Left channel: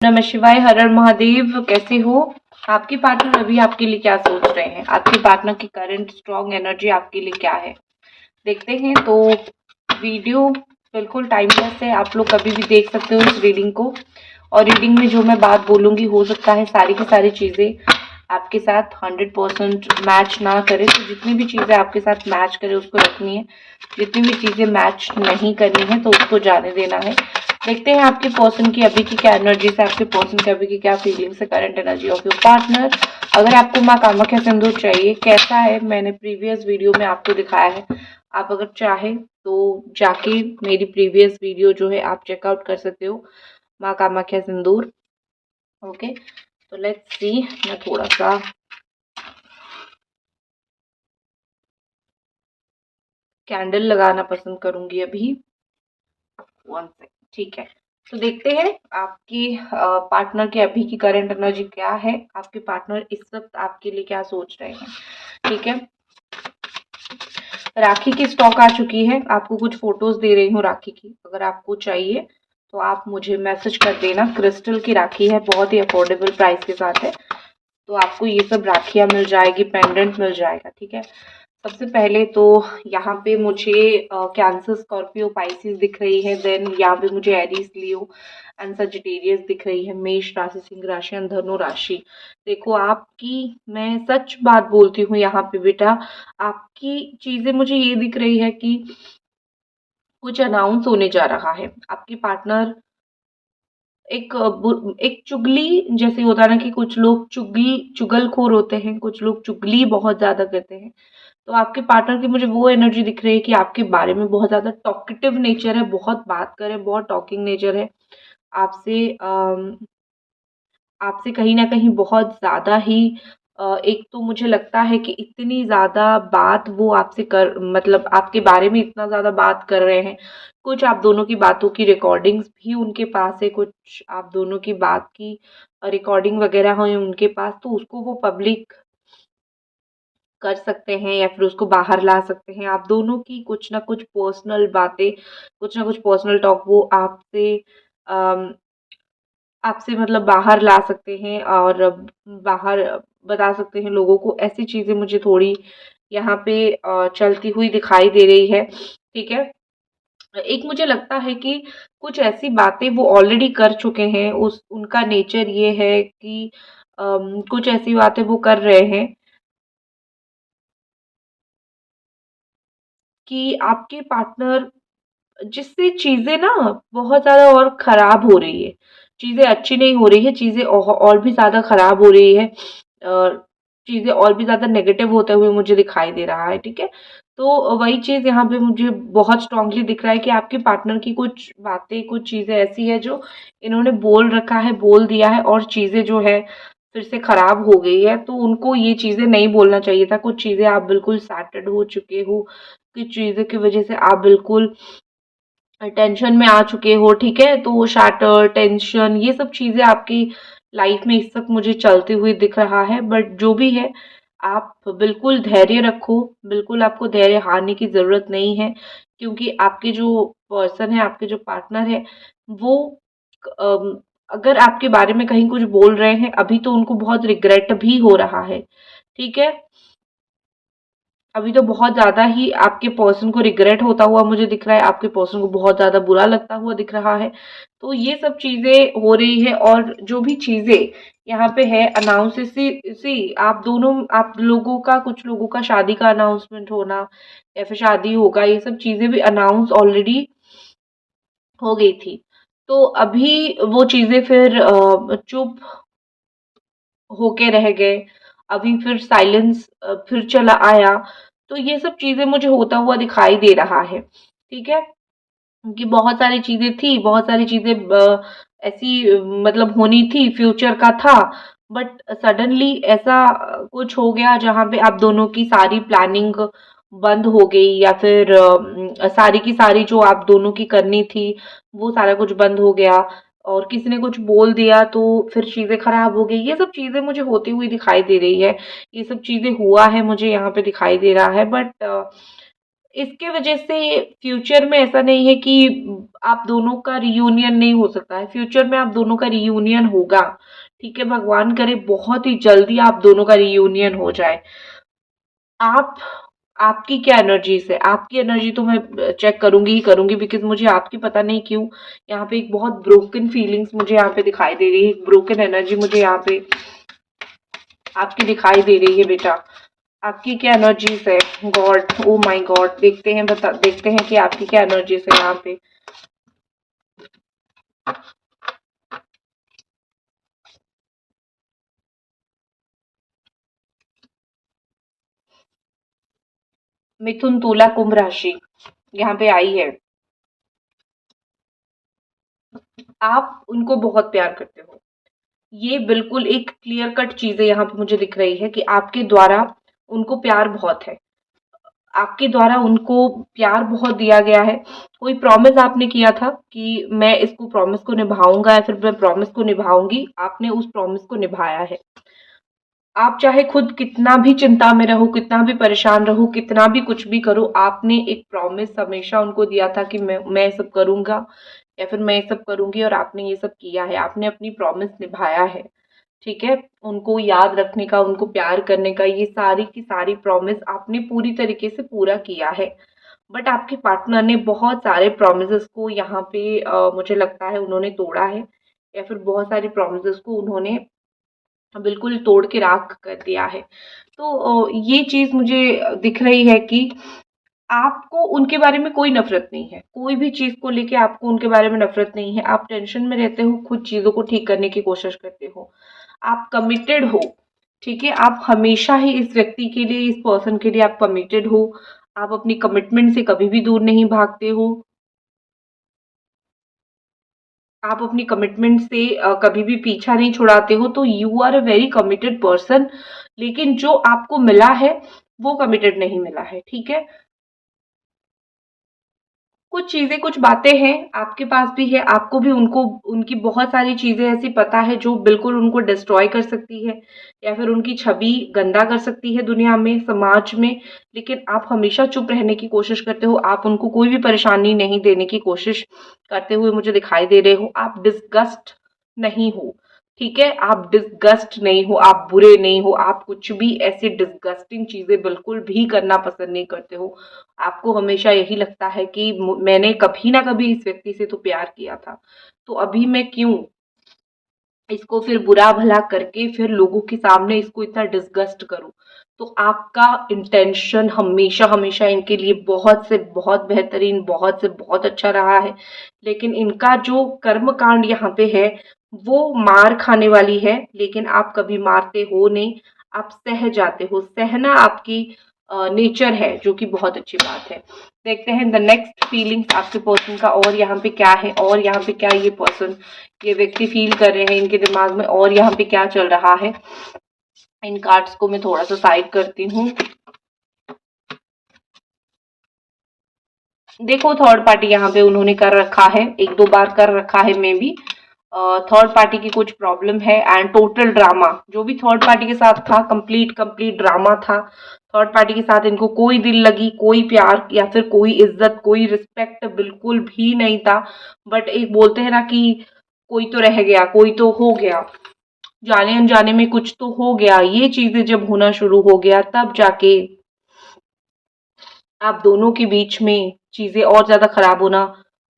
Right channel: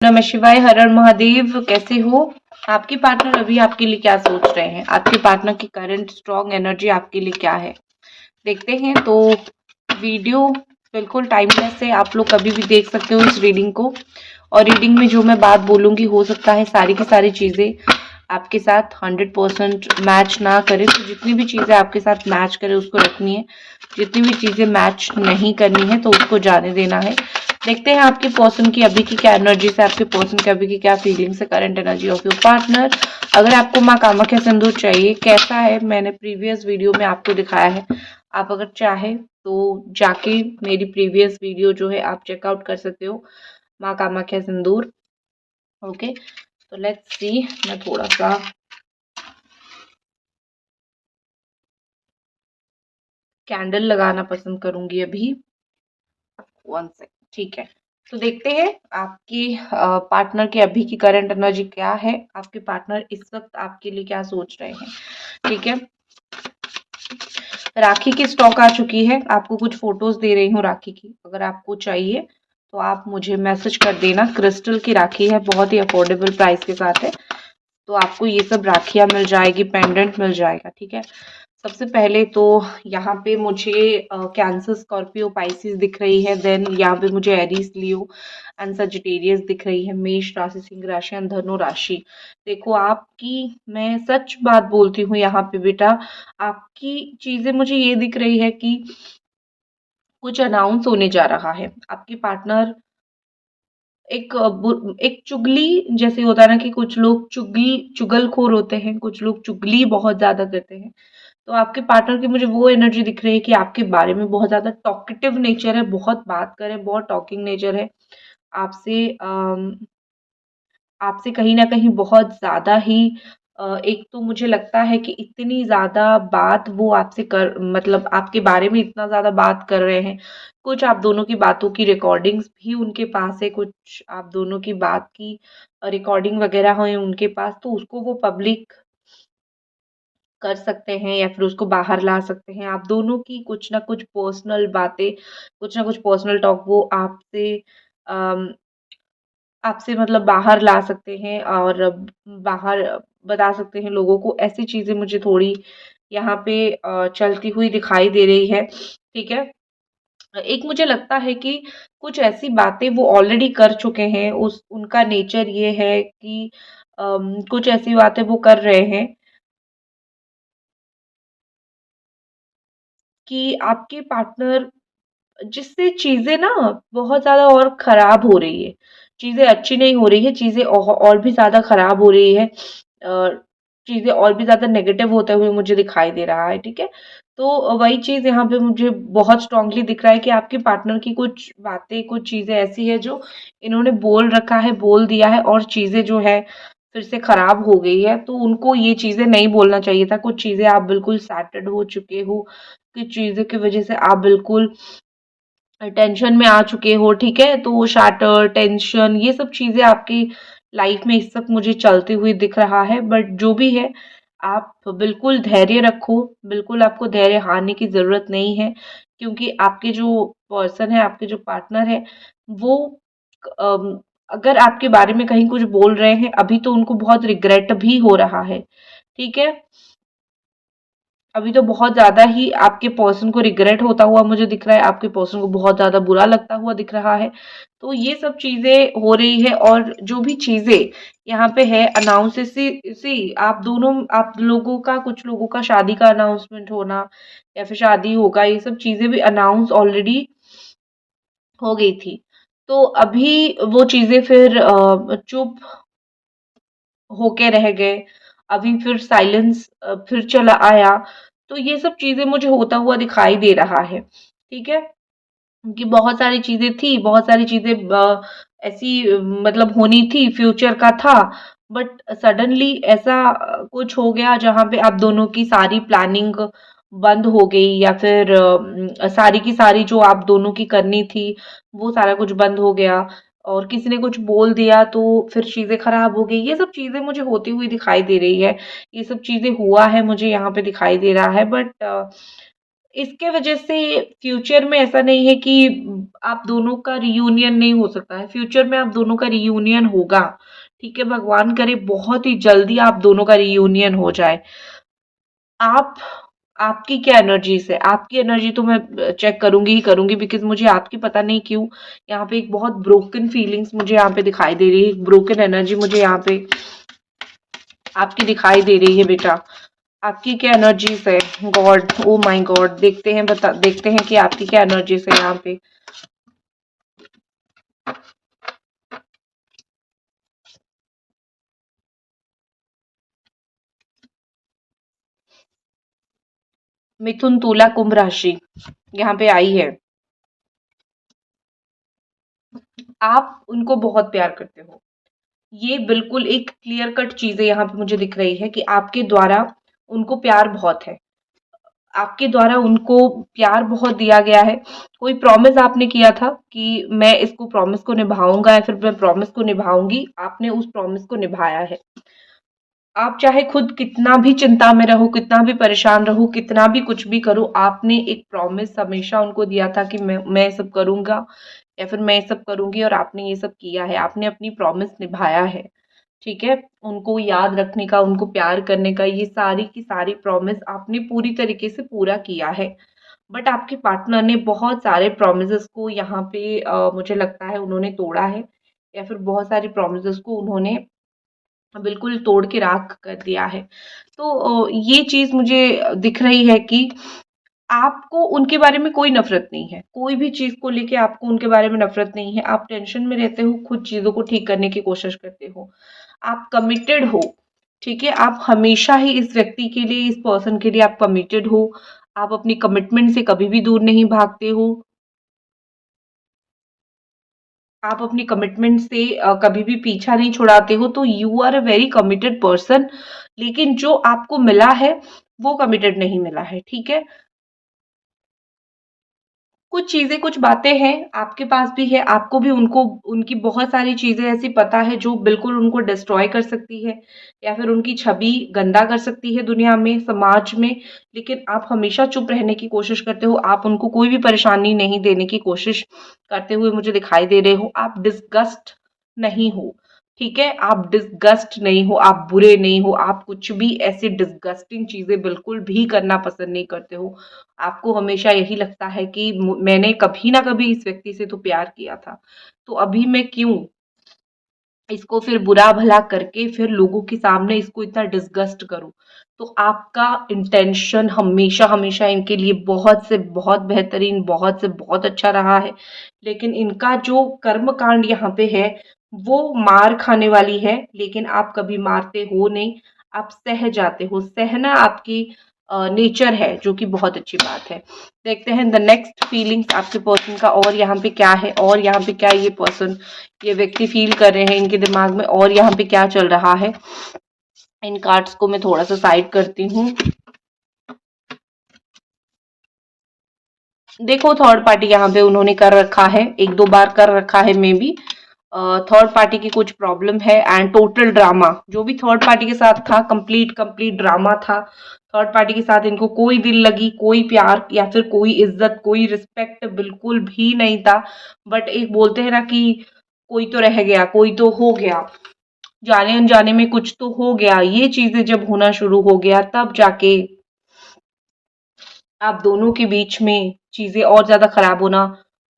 नमः शिवाय, हर हर महादेव। कैसे हो? आपके पार्टनर अभी आपके लिए क्या सोच रहे हैं? आपके पार्टनर की करंट स्ट्रॉन्ग एनर्जी आपके लिए क्या है? देखते हैं। तो वीडियो बिल्कुल टाइमलेस है, आप लोग कभी भी देख सकते हो इस रीडिंग को। और रीडिंग में जो मैं बात बोलूंगी, हो सकता है सारी की सारी चीजें आपके साथ 100% मैच ना करे। तो जितनी भी चीजें आपके साथ मैच करे उसको रखनी है, जितनी भी चीजें मैच नहीं करनी है तो उसको जाने देना है। देखते हैं आपके पर्सन की अभी की क्या एनर्जी से, आपके पर्सन की अभी की क्या फीलिंग्स है, current energy of your partner. अगर आपको माँ कामाख्या सिंदूर चाहिए, कैसा है, मैंने प्रीवियस वीडियो में आपको दिखाया है। आप अगर चाहे तो जाके मेरी प्रीवियस वीडियो जो है आप चेकआउट कर सकते हो, माँ कामाख्या सिंदूर। ओके, तो लेट्स सी। मैं थोड़ा सा कैंडल लगाना पसंद करूंगी अभी। 1 सेकंड, ठीक है। तो देखते हैं आपकी पार्टनर की अभी की करंट एनर्जी क्या है, आपके पार्टनर इस वक्त आपके लिए क्या सोच रहे हैं। ठीक है, राखी की स्टॉक आ चुकी है। आपको कुछ फोटोज दे रही हूँ राखी की, अगर आपको चाहिए तो आप मुझे मैसेज कर देना। क्रिस्टल की राखी है, बहुत ही अफोर्डेबल प्राइस के साथ है। तो आपको ये सब राखियां मिल जाएगी, पेंडेंट मिल जाएगा। ठीक है, सबसे पहले तो यहाँ पे मुझे कैंसर, स्कॉर्पियो, पाइसिस दिख रही है। देन यहाँ पे मुझे एरीज, लियो एंड सजिटेरियस दिख रही है। मेष राशि, सिंह राशि एंड धनु राशि। देखो आपकी, मैं सच बात बोलती हूँ यहाँ पे बेटा, आपकी चीजें मुझे ये दिख रही है कि कुछ अनाउंस होने जा रहा है। आपकी पार्टनर एक चुगली जैसे होता है ना, कि कुछ लोग चुगलखोर होते हैं, कुछ लोग चुगली बहुत ज्यादा करते हैं। तो आपके पार्टनर की मुझे वो एनर्जी दिख रही है कि आपके बारे में बहुत ज्यादा टॉकेटिव नेचर है, बहुत बात करे, बहुत टॉकिंग नेचर है। आपसे आपसे कहीं न कहीं बहुत ज़्यादा ही एक तो मुझे लगता है कि इतनी ज़्यादा बात वो आपसे कर, मतलब आपके बारे में इतना ज़्यादा बात कर रहे हैं। कुछ आप दोनों की बातों की रिकॉर्डिंग्स भी उनके पास है, कुछ आप दोनों की बात की रिकॉर्डिंग वगैरह है उनके पास, तो उसको वो पब्लिक कर सकते हैं या फिर उसको बाहर ला सकते हैं। आप दोनों की कुछ ना कुछ पर्सनल बातें, कुछ ना कुछ पर्सनल टॉक वो अम आपसे मतलब बाहर ला सकते हैं और बाहर बता सकते हैं लोगों को। ऐसी चीज़ें मुझे थोड़ी यहाँ पे चलती हुई दिखाई दे रही है। ठीक है? एक मुझे लगता है कि कुछ ऐसी बातें वो ऑलरेडी कर चुके हैं। उस उनका नेचर ये है कि कुछ ऐसी बातें वो कर रहे हैं कि आपके पार्टनर, जिससे चीज़ें ना बहुत ज़्यादा और ख़राब हो रही है। चीज़ें अच्छी नहीं हो रही है, चीज़ें और भी ज़्यादा ख़राब हो रही है। चीज़ें और भी ज़्यादा नेगेटिव होते हुए मुझे दिखाई दे रहा है। ठीक है? तो वही चीज़ यहाँ पे मुझे बहुत स्ट्रॉन्गली दिख रहा है कि आपके पार्टनर की कुछ बातें, कुछ चीज़ें ऐसी हैं जो इन्होंने बोल रखा है, बोल दिया है और चीज़ें जो है फिर से ख़राब हो गई है। तो उनको ये चीज़ें नहीं बोलना चाहिए था। कुछ चीज़ें आप बिल्कुल सैटर्ड हो चुके हो, कुछ चीज़ों की वज़ह से आप बिल्कुल टेंशन में आ चुके हो। ठीक है, तो शैटर, टेंशन, ये सब चीजें आपकी लाइफ में इस वक्त मुझे चलती हुई दिख रहा है। बट जो भी है, आप बिल्कुल धैर्य रखो। बिल्कुल आपको धैर्य हारने की जरूरत नहीं है, क्योंकि आपके जो पर्सन है, आपके जो पार्टनर है, वो अम, अगर आपके बारे में कहीं कुछ बोल रहे हैं अभी, तो उनको बहुत रिग्रेट भी हो रहा है। ठीक है, अभी तो बहुत ज़्यादा ही आपके पर्सन को रिग्रेट होता हुआ मुझे दिख रहा है, आपके पर्सन को बहुत ज़्यादा बुरा लगता हुआ दिख रहा है। तो ये सब चीज़ें हो रही है, और जो भी चीज़ें यहाँ पे है अनाउंस, सी आप दोनों, आप लोगों का, कुछ लोगों का शादी का अनाउंसमेंट होना या फिर शादी होगा, ये सब चीज़ें भी अनाउंस ऑलरेडी हो गई थी। तो अभी वो चीज़ें फिर चुप होके रह गए। अभी फिर साइलेंस फिर चला आया। तो ये सब चीज़ें मुझे होता हुआ दिखाई दे रहा है। ठीक है? कि बहुत सारी चीज़ें थी, बहुत सारी चीज़ें ऐसी मतलब होनी थी, फ्यूचर का था। बट सडनली ऐसा कुछ हो गया जहाँ पे आप दोनों की सारी प्लानिंग बंद हो गई, या फिर सारी की सारी जो आप दोनों की करनी थी, वो सारा कुछ बंद हो गया। और किसी ने कुछ बोल दिया तो फिर चीज़ें खराब हो गई। ये सब चीज़ें मुझे होती हुई दिखाई दे रही है। ये सब चीज़ें हुआ है मुझे यहाँ पे दिखाई दे रहा है। बट इसके वजह से फ्यूचर में ऐसा नहीं है कि आप दोनों का रियूनियन नहीं हो सकता है, फ्यूचर में आप दोनों का रियूनियन होगा। ठीक है, भगवान करे बहुत ही जल्दी आप दोनों का रियूनियन हो जाए। आप आपकी क्या एनर्जीज है? आपकी एनर्जी तो मैं चेक करूंगी ही करूंगी, बिकॉज मुझे आपकी पता नहीं क्यों यहाँ पे एक बहुत ब्रोकन फीलिंग्स मुझे यहाँ पे दिखाई दे रही है, एक ब्रोकन एनर्जी मुझे यहाँ पे आपकी दिखाई दे रही है बेटा। आपकी क्या एनर्जीज है? गॉड, ओ माय गॉड, देखते हैं कि आपकी क्या एनर्जीज है यहाँ पे। मिथुन, तुला, कुंभ राशि यहाँ पे आई है। आप उनको बहुत प्यार करते हो, ये बिल्कुल एक क्लियर कट चीज़ है यहाँ पे मुझे दिख रही है कि आपके द्वारा उनको प्यार बहुत है। आपके द्वारा उनको प्यार बहुत दिया गया है। कोई प्रॉमिस आपने किया था कि मैं इसको प्रॉमिस को निभाऊँगा या फिर मैं प्रॉमिस को निभाऊँगी, आपने उस प्रॉमिस को निभाया है। आप चाहे खुद कितना भी चिंता में रहो, कितना भी परेशान रहो, कितना भी कुछ भी करो, आपने एक प्रॉमिस हमेशा उनको दिया था कि मैं ये सब करूँगा या फिर मैं ये सब करूँगी, और आपने ये सब किया है। आपने अपनी प्रॉमिस निभाया है। ठीक है? उनको याद रखने का, उनको प्यार करने का, ये सारी की सारी प्रॉमिस आपने पूरी तरीके से पूरा किया है। बट आपके पार्टनर ने बहुत सारे प्रॉमिसेस को यहाँ पे मुझे लगता है उन्होंने तोड़ा है, या फिर बहुत सारी प्रॉमिसेस को उन्होंने बिल्कुल तोड़ के राख कर दिया है। तो ये चीज़ मुझे दिख रही है कि आपको उनके बारे में कोई नफ़रत नहीं है। कोई भी चीज़ को लेके आपको उनके बारे में नफ़रत नहीं है। आप टेंशन में रहते हो, खुद चीज़ों को ठीक करने की कोशिश करते हो। आप कमिटेड हो, ठीक है? आप हमेशा ही इस व्यक्ति के लिए, इस पर्सन के लिए आप कमिटेड हो। आप अपनी कमिटमेंट से कभी भी दूर नहीं भागते हो। आप अपनी कमिटमेंट से कभी भी पीछा नहीं छुड़ाते हो, तो you are a very committed person. लेकिन जो आपको मिला है, वो कमिटेड नहीं मिला है, ठीक है? कुछ चीज़ें, कुछ बातें हैं, आपके पास भी है, आपको भी उनको, उनकी बहुत सारी चीज़ें ऐसी पता है जो बिल्कुल उनको डिस्ट्रॉय कर सकती है या फिर उनकी छवि गंदा कर सकती है दुनिया में, समाज में। लेकिन आप हमेशा चुप रहने की कोशिश करते हो, आप उनको कोई भी परेशानी नहीं देने की कोशिश करते हुए मुझे दिखाई दे रहे हो। आप डिस्गस्ट नहीं हो, ठीक है? आप डिस्गस्ट नहीं हो, आप बुरे नहीं हो, आप कुछ भी ऐसी डिस्गस्टिंग चीज़ें बिल्कुल भी करना पसंद नहीं करते हो। आपको हमेशा यही लगता है कि मैंने कभी ना कभी इस व्यक्ति से तो प्यार किया था, तो अभी मैं क्यों इसको फिर बुरा भला करके फिर लोगों के सामने इसको इतना डिसगस्ट करूं। तो आपका इंटेंशन हमेशा हमेशा इनके लिए बहुत से बहुत बेहतरीन, बहुत से बहुत अच्छा रहा है। लेकिन इनका जो कर्म कांड यहाँ पे है, वो मार खाने वाली है। लेकिन आप कभी मारते हो नहीं, आप सह जाते हो। सहना आपकी नेचर है, जो कि बहुत अच्छी बात है। देखते हैं द नेक्स्ट फीलिंग्स आपके पर्सन का, और यहाँ पे क्या है, और यहाँ पे क्या ये पर्सन, ये व्यक्ति फील कर रहे हैं इनके दिमाग में, और यहाँ पे क्या चल रहा है। इन कार्ड्स को मैं थोड़ा सा साइड करती हूँ। देखो, थर्ड पार्टी यहाँ पे उन्होंने कर रखा है, एक दो बार कर रखा है मे बी। थर्ड पार्टी की कुछ प्रॉब्लम है, एंड टोटल ड्रामा जो भी थर्ड पार्टी के साथ था, कंप्लीट कंप्लीट ड्रामा था। थर्ड पार्टी के साथ इनको कोई दिल लगी, कोई प्यार या फिर कोई इज्जत, कोई रिस्पेक्ट बिल्कुल भी नहीं था। बट एक बोलते हैं ना कि कोई तो रह गया, कोई तो हो गया, जाने अनजाने में कुछ तो हो गया। ये चीजें जब होना शुरू हो गया, तब जाके आप दोनों के बीच में चीज़ें और ज़्यादा खराब होना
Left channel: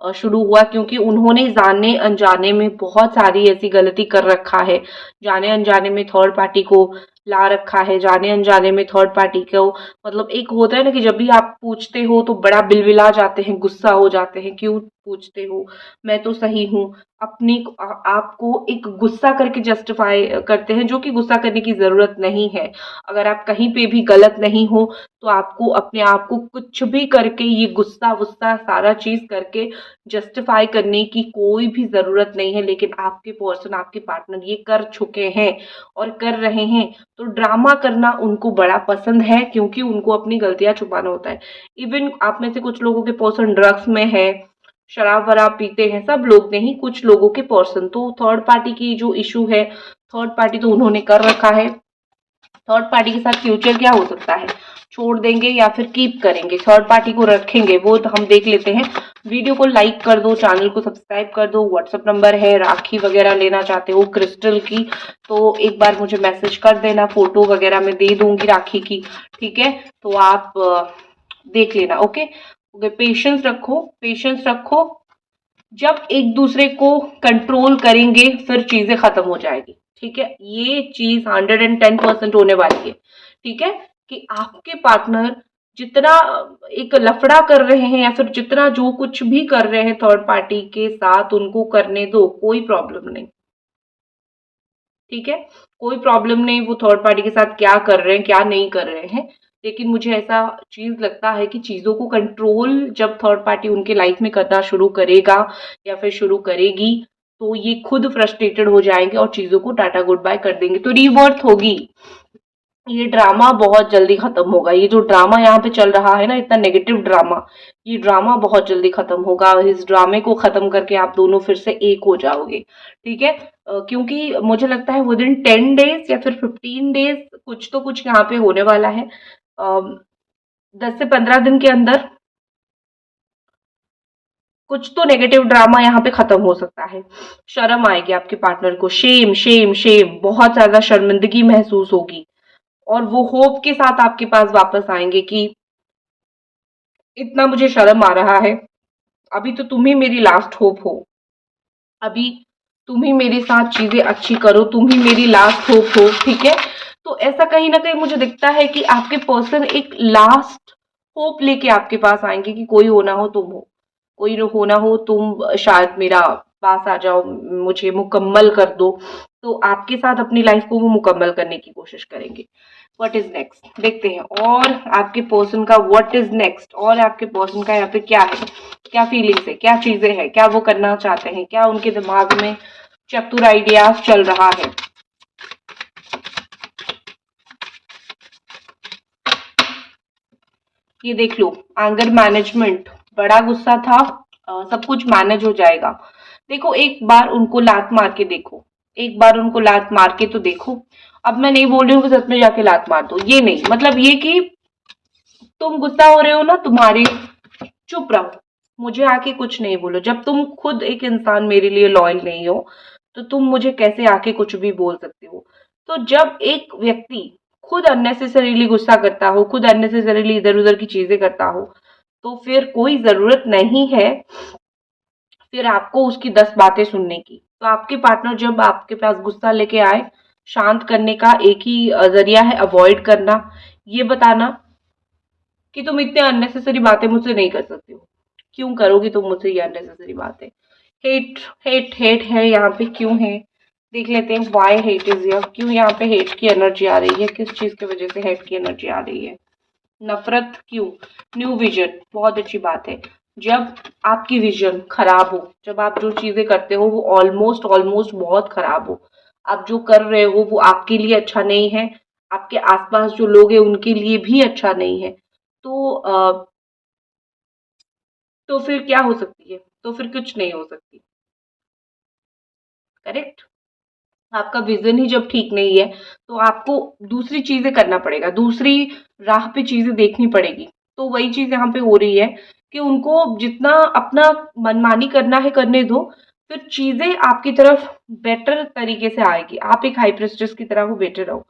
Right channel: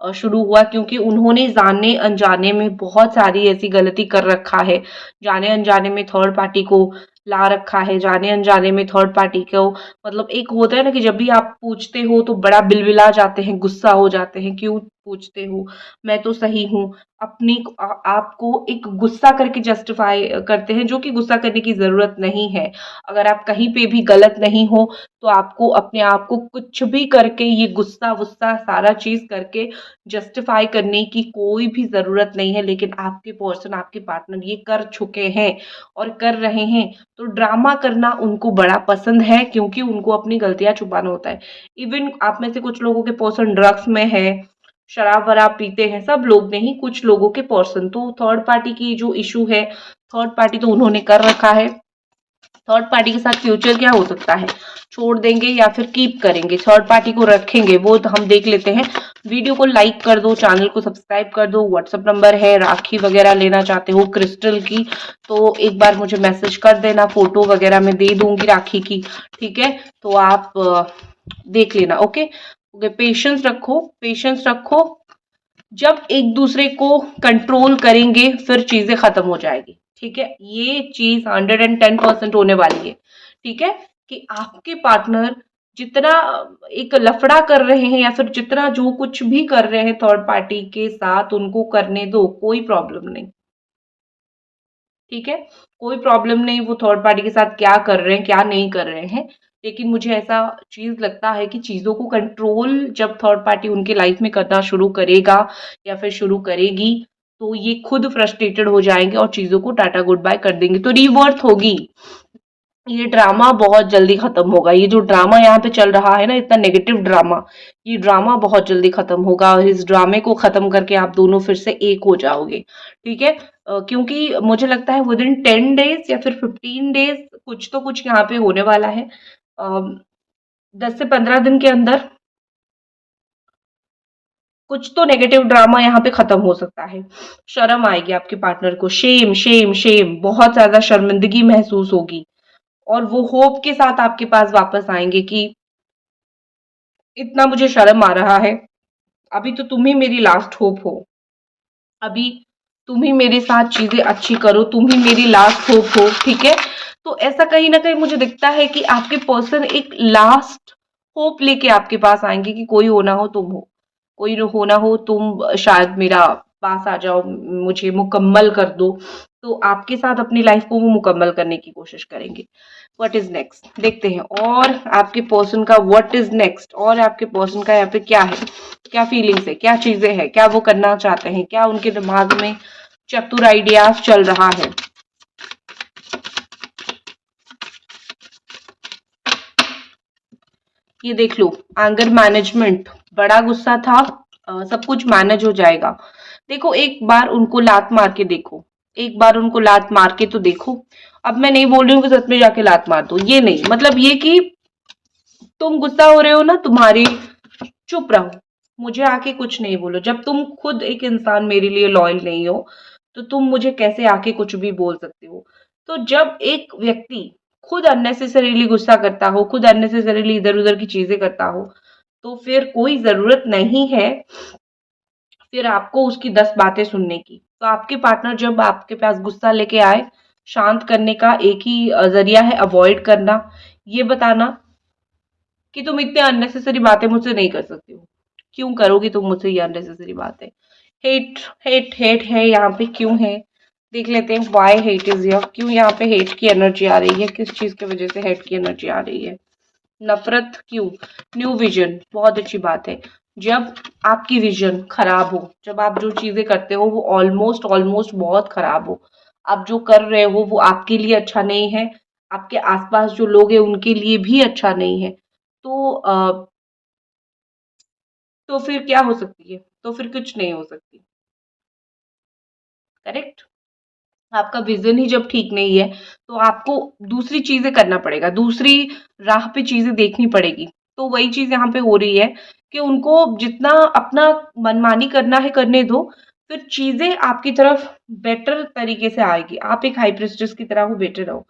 शुरू हुआ, क्योंकि उन्होंने जाने अनजाने में बहुत सारी ऐसी गलती कर रखा है। जाने अनजाने में थर्ड पार्टी को ला रखा है, जाने अनजाने में थर्ड पार्टी को, मतलब एक होता है ना कि जब भी आप पूछते हो तो बड़ा बिलबिला जाते हैं, गुस्सा हो जाते हैं, क्यों पूछते हो, मैं तो सही हूँ। आपको एक गुस्सा करके जस्टिफाई करते हैं, जो कि गुस्सा करने की ज़रूरत नहीं है। अगर आप कहीं पे भी गलत नहीं हो, तो आपको अपने आप को कुछ भी करके, ये गुस्सा-वुस्सा सारा चीज़ करके जस्टिफ़ाई करने की कोई भी ज़रूरत नहीं है। लेकिन आपके पर्सन, आपके पार्टनर ये कर चुके हैं और कर रहे हैं। तो ड्रामा करना उनको बड़ा पसंद है, क्योंकि उनको अपनी गलतियाँ छुपाना होता है। इवन आप में से कुछ लोगों के पर्सन ड्रग्स में है, शराब-वराब पीते हैं, सब लोग नहीं, कुछ लोगों के पर्सन। तो थर्ड पार्टी की जो इश्यू है, थर्ड पार्टी तो उन्होंने कर रखा है। थर्ड पार्टी के साथ फ्यूचर क्या हो सकता है, छोड़ देंगे या फिर कीप करेंगे, थर्ड पार्टी को रखेंगे, वो तो हम देख लेते हैं। वीडियो को लाइक कर दो, चैनल को सब्सक्राइब कर दो। व्हाट्सअप नंबर है, राखी वगैरह लेना चाहते हो क्रिस्टल की तो एक बार मुझे मैसेज कर देना, फोटो वगैरह मैं दे दूंगी राखी की, ठीक है। तो आप देख लेना। ओके ओके, पेशेंस रखो, पेशेंस रखो। जब एक दूसरे को कंट्रोल करेंगे फिर चीजें खत्म हो जाएगी, ठीक है। ये चीज 110% होने वाली है, ठीक है। कि आपके पार्टनर जितना एक लफड़ा कर रहे हैं या फिर जितना जो कुछ भी कर रहे हैं थर्ड पार्टी के साथ, उनको करने दो, कोई प्रॉब्लम नहीं, ठीक है। कोई प्रॉब्लम नहीं वो थर्ड पार्टी के साथ क्या कर रहे हैं क्या नहीं कर रहे हैं। लेकिन मुझे ऐसा चीज लगता है कि चीजों को कंट्रोल जब थर्ड पार्टी उनके लाइफ में करना शुरू करेगा या फिर शुरू करेगी, तो ये खुद फ्रस्ट्रेटेड हो जाएंगे और चीजों को टाटा गुड बाय कर देंगे, तो रीवर्थ होगी। ये ड्रामा बहुत जल्दी खत्म होगा, ये जो ड्रामा यहाँ पे चल रहा है ना, इतना नेगेटिव ड्रामा, ये ड्रामा बहुत जल्दी खत्म होगा और इस ड्रामे को खत्म करके आप दोनों फिर से एक हो जाओगे, ठीक है। क्योंकि मुझे लगता है विद इन 10 डेज या फिर 15 डेज कुछ तो कुछ यहाँ पे होने वाला है। 10 से 15 दिन के अंदर कुछ तो नेगेटिव ड्रामा यहाँ पे खत्म हो सकता है। शर्म आएगी आपके पार्टनर को, शेम शेम शेम, बहुत ज्यादा शर्मिंदगी महसूस होगी और वो होप के साथ आपके पास वापस आएंगे कि इतना मुझे शर्म आ रहा है, अभी तो तुम ही मेरी लास्ट होप हो, अभी तुम ही मेरे साथ चीजें अच्छी करो, तुम ही मेरी लास्ट होप हो, ठीक है। तो ऐसा कहीं ना कहीं मुझे दिखता है कि आपके पर्सन एक लास्ट होप लेके आपके पास आएंगे कि कोई होना हो तुम हो, कोई होना हो तुम, शायद मेरा पास आ जाओ, मुझे मुकम्मल कर दो। तो आपके साथ अपनी लाइफ को वो मुकम्मल करने की कोशिश करेंगे। व्हाट इज नेक्स्ट देखते हैं, और आपके पर्सन का व्हाट इज नेक्स्ट, और आपके पर्सन का यहाँ पे क्या है, क्या फीलिंग्स है, क्या चीजें हैं, क्या वो करना चाहते हैं, क्या उनके दिमाग में चतुर आइडियाज चल रहा है। ये देख लो, एंगर मैनेजमेंट, बड़ा गुस्सा था, सब कुछ मैनेज हो जाएगा। देखो एक बार उनको लात मार के देखो, एक बार उनको लात मार के तो देखो। अब मैं नहीं बोल रही हूँ कि सच में जाके लात मार दो, ये नहीं, मतलब ये कि तुम गुस्सा हो रहे हो ना, तुम्हारी, चुप रहो, मुझे आके कुछ नहीं बोलो। जब तुम खुद एक इंसान मेरे लिए लॉयल नहीं हो तो तुम मुझे कैसे आके कुछ भी बोल सकते हो। तो जब एक व्यक्ति खुद अननेसेसरीली गुस्सा करता हो, खुद अननेसेसरीली इधर उधर की चीजें करता हो, तो फिर कोई जरूरत नहीं है फिर आपको उसकी 10 बातें सुनने की। तो आपके पार्टनर जब आपके पास गुस्सा लेके आए, शांत करने का एक ही जरिया है अवॉइड करना, ये बताना कि तुम इतने अननेसेसरी बातें मुझसे नहीं कर सकती हो, क्यों करोगी तुम मुझसे ये अननेसेसरी बातें। हेट हेट हेट है यहाँ पे, क्यों है, देख लेते हैं वाई हेट इज हियर, क्यों यहाँ पे हेट की एनर्जी आ रही है, किस चीज की वजह से हेट की एनर्जी आ रही है, नफरत क्यों। न्यू विजन, बहुत अच्छी बात है। जब आपकी विजन खराब हो, जब आप जो चीजें करते हो वो ऑलमोस्ट ऑलमोस्ट बहुत खराब हो, आप जो कर रहे हो वो आपके लिए अच्छा नहीं है, आपके आसपास जो लोग हैं उनके लिए भी अच्छा नहीं है, तो तो फिर क्या हो सकती है, तो फिर कुछ नहीं हो सकती, करेक्ट। आपका विजन ही जब ठीक नहीं है तो आपको दूसरी चीजें करना पड़ेगा, दूसरी राह पे चीजें देखनी पड़ेगी। तो वही चीज यहाँ पे हो रही है कि उनको जितना अपना मनमानी करना है करने दो, फिर चीजें आपकी तरफ बेटर तरीके से आएगी। आप एक हाई प्रेस्टिस की तरह हो, बेटर रहो,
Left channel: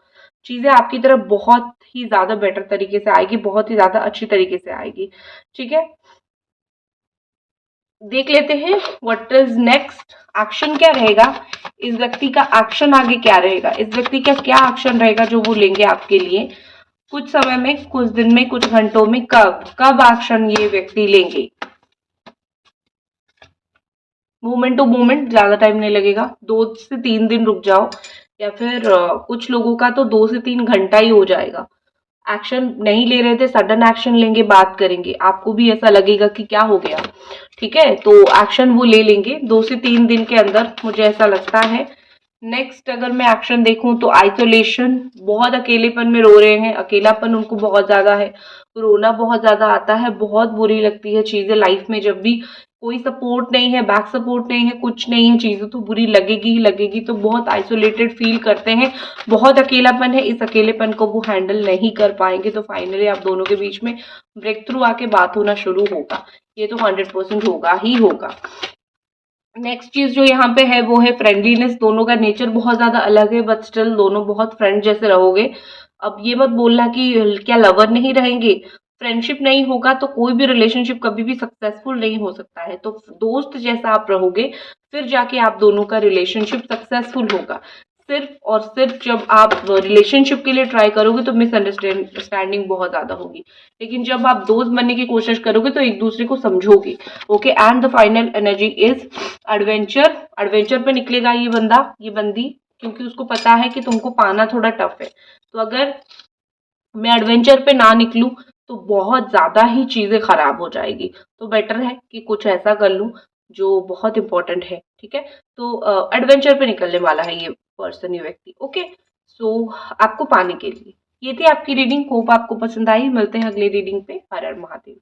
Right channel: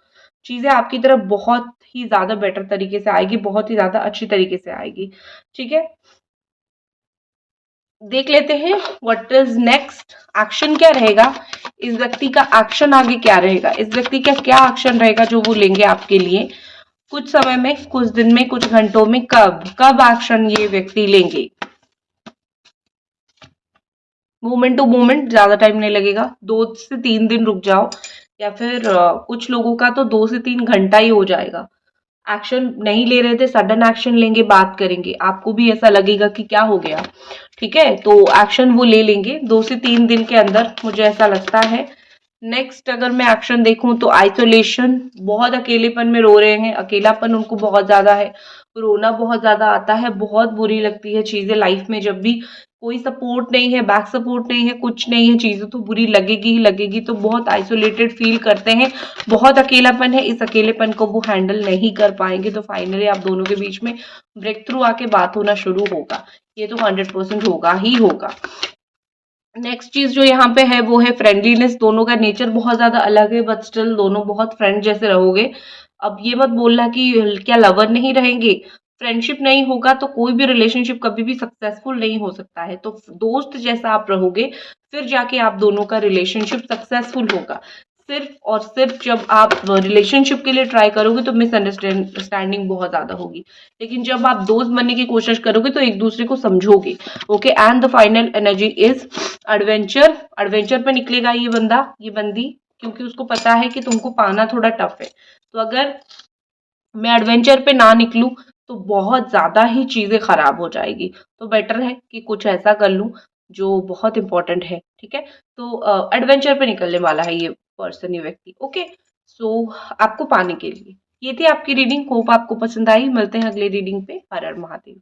चीजें आपकी तरफ बहुत ही ज्यादा बेटर तरीके से आएगी, बहुत ही ज्यादा अच्छी तरीके से आएगी, ठीक है। देख लेते हैं व्हाट इज नेक्स्ट, एक्शन क्या रहेगा, इस व्यक्ति का एक्शन आगे क्या रहेगा, इस व्यक्ति का क्या एक्शन रहेगा जो वो लेंगे आपके लिए कुछ समय में, कुछ दिन में, कुछ घंटों में, कब कब एक्शन ये व्यक्ति लेंगे। मोमेंट टू मोमेंट, ज्यादा टाइम नहीं लगेगा, 2 से 3 दिन रुक जाओ, या फिर कुछ लोगों का तो 2 से 3 घंटा ही हो जाएगा। एक्शन नहीं ले रहे थे, सडन एक्शन लेंगे, बात करेंगे, आपको भी ऐसा लगेगा कि क्या हो गया, ठीक है। तो एक्शन वो ले लेंगे 2 से 3 दिन के अंदर, मुझे ऐसा लगता है। नेक्स्ट अगर मैं एक्शन देखूं तो आइसोलेशन, बहुत अकेलेपन में रो रहे हैं, अकेलापन उनको बहुत ज्यादा है, रोना बहुत ज्यादा आता है, बहुत बुरी लगती है चीजें लाइफ में जब भी कोई सपोर्ट नहीं है, बैक सपोर्ट नहीं है, कुछ नहीं है, चीज़ें तो बुरी लगेगी ही लगेगी, तो बहुत आइसोलेटेड फ़ील करते हैं, बहुत अकेलापन है, इस अकेलेपन को वो हैंडल नहीं कर पाएँगे, तो फाइनली आप दोनों के बीच में ब्रेक थ्रू आके बात होना शुरू होगा। ये तो 100% होगा ही होगा। नेक्स्ट चीज़ जो यहाँ पे है वो है फ्रेंडलीनेस। दोनों का नेचर बहुत ज़्यादा अलग है, बट स्टिल दोनों बहुत फ्रेंड जैसे रहोगे। अब ये मत बोलना कि क्या लवर नहीं रहेंगे, फ्रेंडशिप नहीं होगा तो कोई भी रिलेशनशिप कभी भी सक्सेसफुल नहीं हो सकता है। तो दोस्त जैसा आप रहोगे, फिर जाके आप दोनों का रिलेशनशिप सक्सेसफुल होगा। सिर्फ और सिर्फ जब आप रिलेशनशिप के लिए ट्राई करोगे तो मिसअंडरस्टैंडिंग बहुत ज़्यादा होगी। लेकिन जब आप दोस्त बनने की कोशिश करोगे तो एक दूसरे को समझोगे। Okay, and the final energy is adventure. Adventure पे निकलेगा ये बंदा, ये बंदी, क्योंकि उसको पता है कि तुमको पाना थोड़ा टफ है। तो अगर मैं एडवेंचर पे ना निकलूं तो बहुत ज़्यादा ही चीज़ें खराब हो जाएगी। तो बेटर है कि कुछ ऐसा कर लूं जो बहुत इंपॉर्टेंट है, ठीक है? तो एडवेंचर पे निकलने वाला है ये पर्सन, ये व्यक्ति। ओके, सो आपको पाने के लिए ये थी आपकी रीडिंग। होप आपको पसंद आई। मिलते हैं अगली रीडिंग पे। हर हर महादेव।